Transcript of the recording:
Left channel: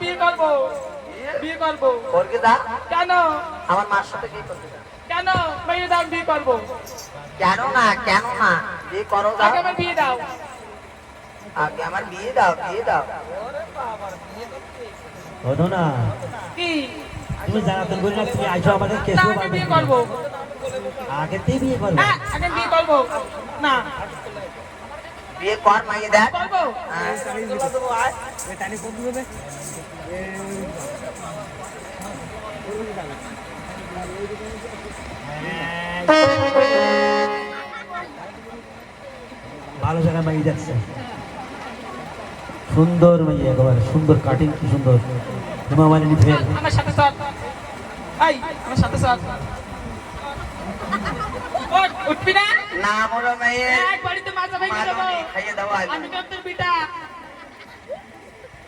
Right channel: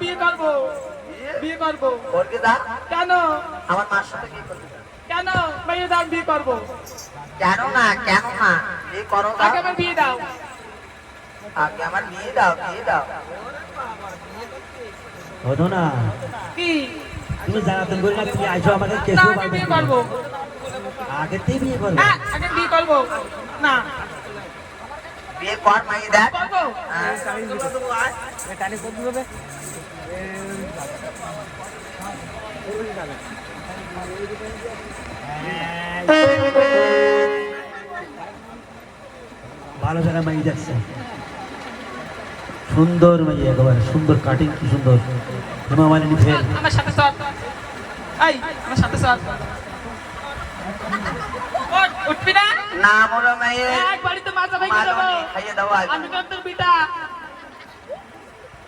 বিয়ে করবো বিয়ে করবো করকে দা কেন আমার মার সাথে বিয়ে করবে কেন মেয়ে দাও বিয়ে করবো কেন না বিয়ে করো দাও আগে আমার বিয়ে দাও আগে আমার বিয়ে দাও হতো না কি তুমি জানাতে বলি না তুমি আইসো আমাদের না, কেসও আগে বিয়ে করবো আগেতেই বিয়ে করবে হ্যাঁ আগে বিয়ে করবো না বিয়ে কর মাইয়ে দেখ করবো ভালো জায়গা মাই দেখছে সুন্দর মাই একেবারে সুন্দর কাটিং কি সুন্দর হেমা মালিনী ফেল আমার সাথে চল এই আমার সাথে চল উঠবি না না মোর মেয়ে এক বাড়িতে মাজা ভাই খাইয়ে দাও আজ আমি তোর পিতা